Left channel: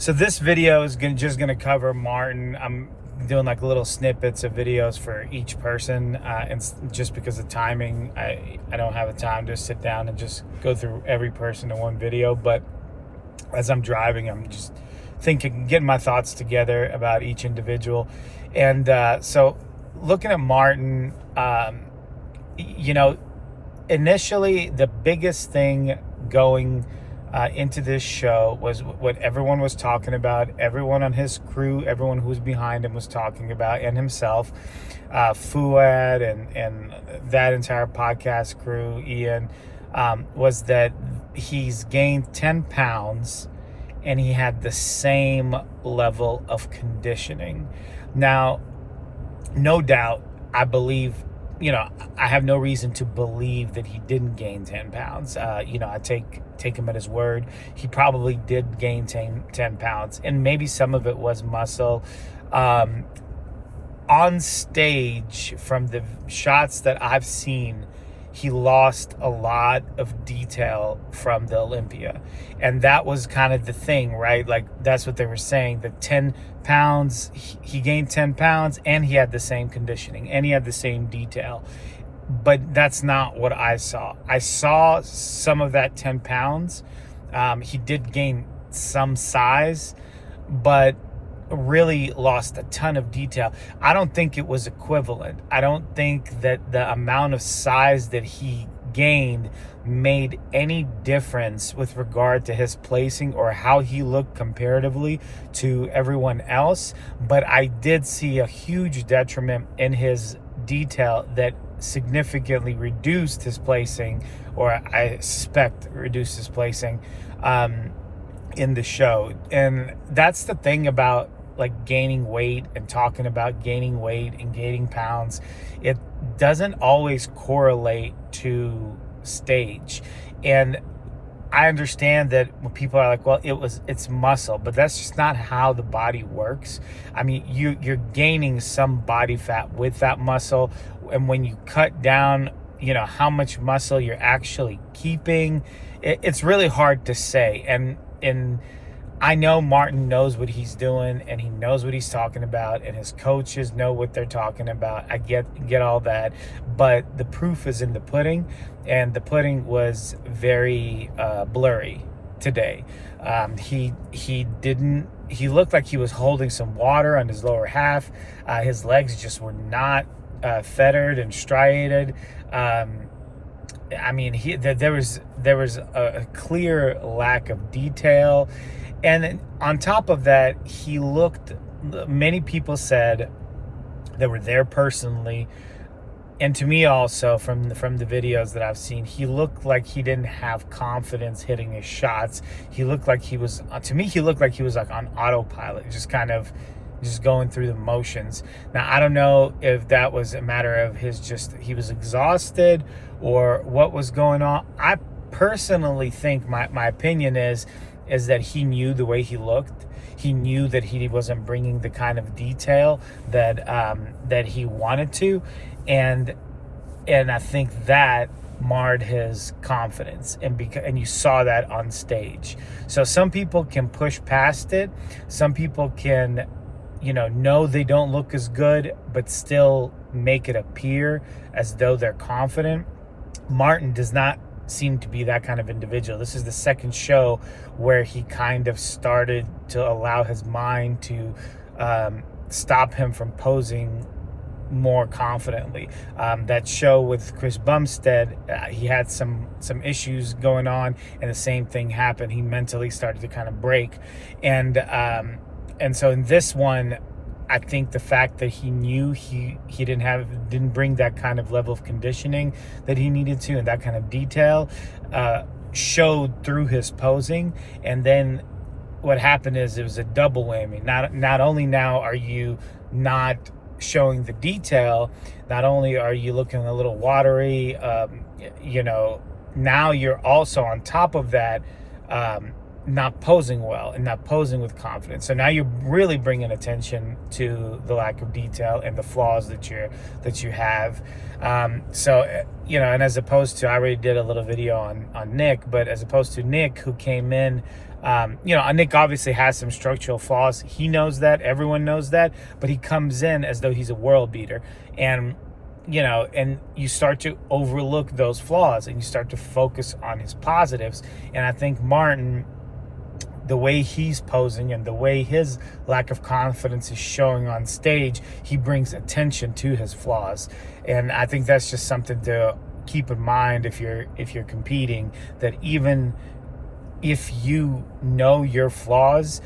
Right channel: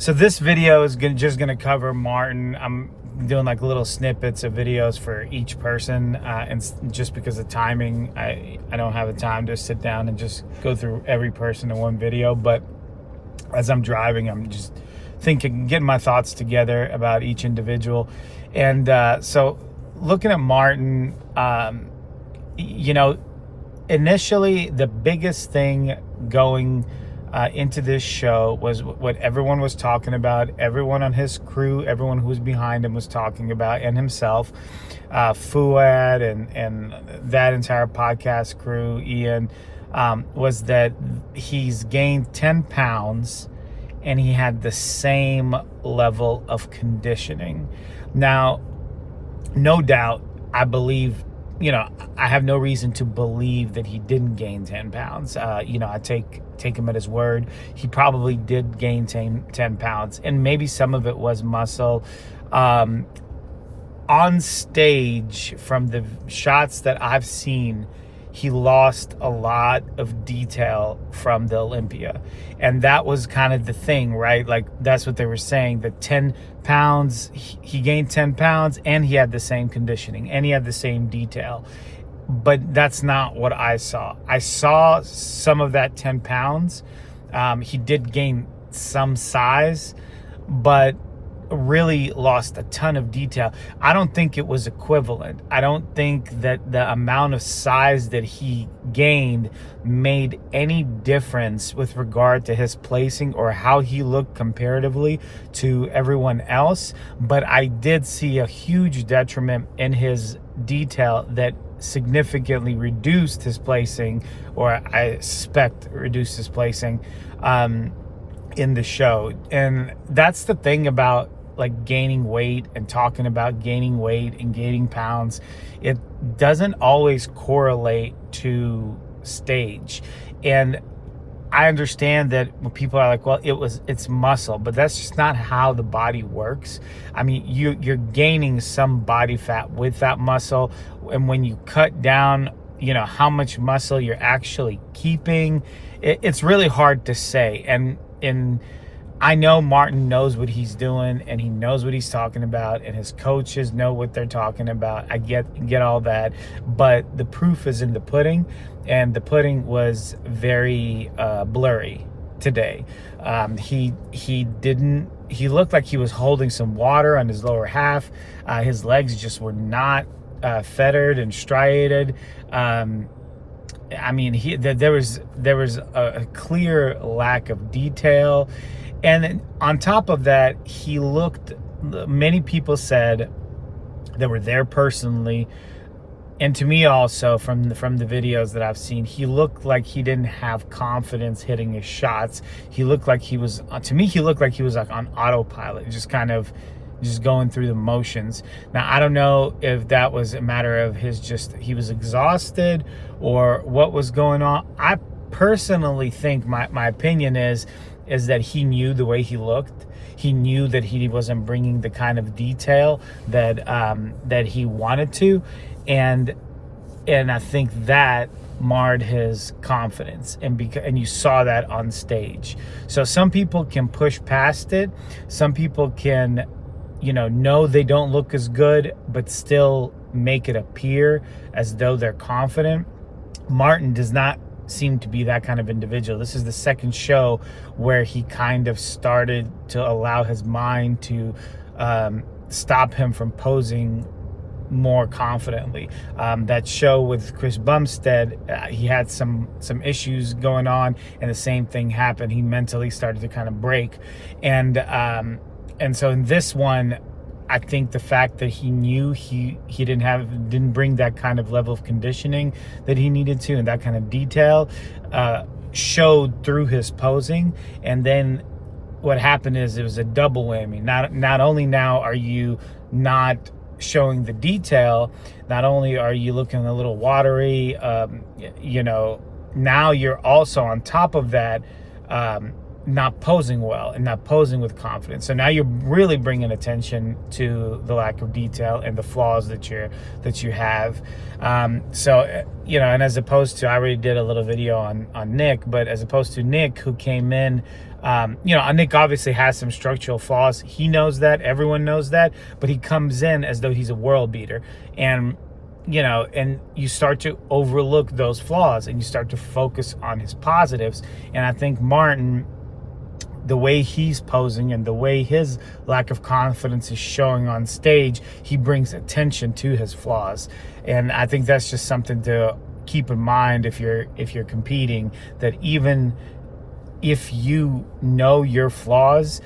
So this video is just gonna cover Martin. I'm doing like little snippets of videos for each person, and just because of timing, I don't have the time to sit down and just go through every person in one video. But as I'm driving, I'm just thinking, getting my thoughts together about each individual. And so looking at Martin, initially the biggest thing going into this show was what everyone was talking about. Everyone on his crew, everyone who was behind him was talking about, and himself, Fuad and that entire podcast crew, Ian, was that he's gained 10 pounds and he had the same level of conditioning. Now, no doubt, I believe, I have no reason to believe that he didn't gain 10 pounds. I take him at his word. He probably did gain 10 pounds, and maybe some of it was muscle. On stage, from the shots that I've seen, he lost a lot of detail from the Olympia. And that was kind of the thing, right? Like, that's what they were saying. The 10 pounds, he gained 10 pounds and he had the same conditioning and he had the same detail. But that's not what I saw. I saw some of that 10 pounds. He did gain some size, but really lost a ton of detail. I don't think it was equivalent. I don't think that the amount of size that he gained made any difference with regard to his placing or how he looked comparatively to everyone else. But I did see a huge detriment in his detail that significantly reduced his placing, or I suspect reduced his placing in the show. And that's the thing about like gaining weight and talking about gaining weight and gaining pounds. It doesn't always correlate to stage. And I understand that when people are like, well, it's muscle, but that's just not how the body works. I mean, you're gaining some body fat with that muscle. And when you cut down, how much muscle you're actually keeping, it's really hard to say. And I know Martin knows what he's doing and he knows what he's talking about, and his coaches know what they're talking about. I get all that, but the proof is in the pudding, and the pudding was very blurry today. He looked like he was holding some water on his lower half. His legs just were not fettered and striated. I mean, there was a clear lack of detail. And on top of that, he looked, many people said that were there personally, and to me also from the videos that I've seen, he looked like he didn't have confidence hitting his shots. He looked like he was, to me, he looked like he was like on autopilot, just going through the motions. Now, I don't know if that was a matter of he was exhausted or what was going on. I personally think, my opinion is that he knew the way he looked. He knew that he wasn't bringing the kind of detail that he wanted to, and I think that marred his confidence, and you saw that on stage. So some people can push past it. Some people can, know they don't look as good, but still make it appear as though they're confident. Martin does not seem to be that kind of individual. This is the second show where he kind of started to allow his mind to stop him from posing more confidently. That show with Chris Bumstead, he had some issues going on, and the same thing happened. He mentally started to kind of break, and so in this one, I think the fact that he knew he didn't bring that kind of level of conditioning that he needed to, and that kind of detail showed through his posing. And then what happened is it was a double whammy. Not only now are you not showing the detail, not only are you looking a little watery, now you're also on top of that not posing well and not posing with confidence. So now you're really bringing attention to the lack of detail and the flaws that you have. And as opposed to, I already did a little video on Nick, but as opposed to Nick, who came in Nick obviously has some structural flaws. He knows that. Everyone knows that. But he comes in as though he's a world beater. And, and you start to overlook those flaws and you start to focus on his positives. And I think Martin, the way he's posing and the way his lack of confidence is showing on stage, he brings attention to his flaws. And I think that's just something to keep in mind if you're competing, that even if you know your flaws,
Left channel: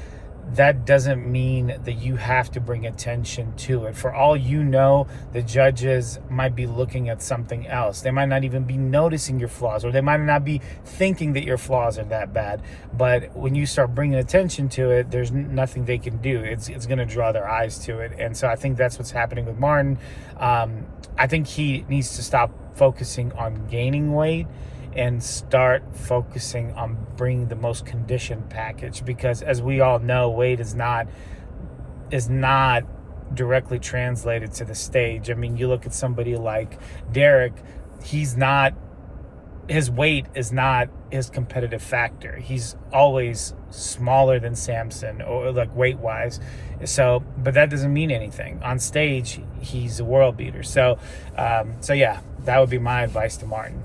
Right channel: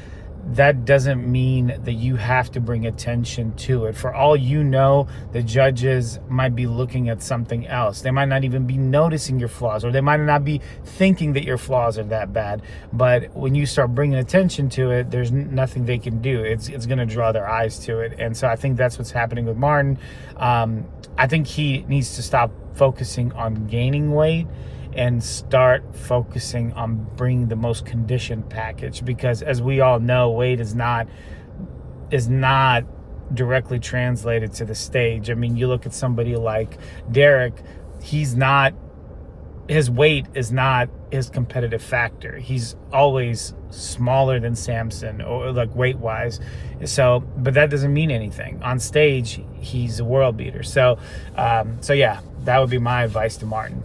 that doesn't mean that you have to bring attention to it. For all you know, the judges might be looking at something else. They might not even be noticing your flaws, or they might not be thinking that your flaws are that bad. But when you start bringing attention to it, there's nothing they can do. It's going to draw their eyes to it. And so I think that's what's happening with Martin. I think he needs to stop focusing on gaining weight and start focusing on bringing the most conditioned package, because as we all know, weight is not directly translated to the stage. I mean, you look at somebody like Derek, his weight is not his competitive factor. He's always smaller than Samson, or like weight wise. So, but that doesn't mean anything. On stage, he's a world beater. So yeah, that would be my advice to Martin.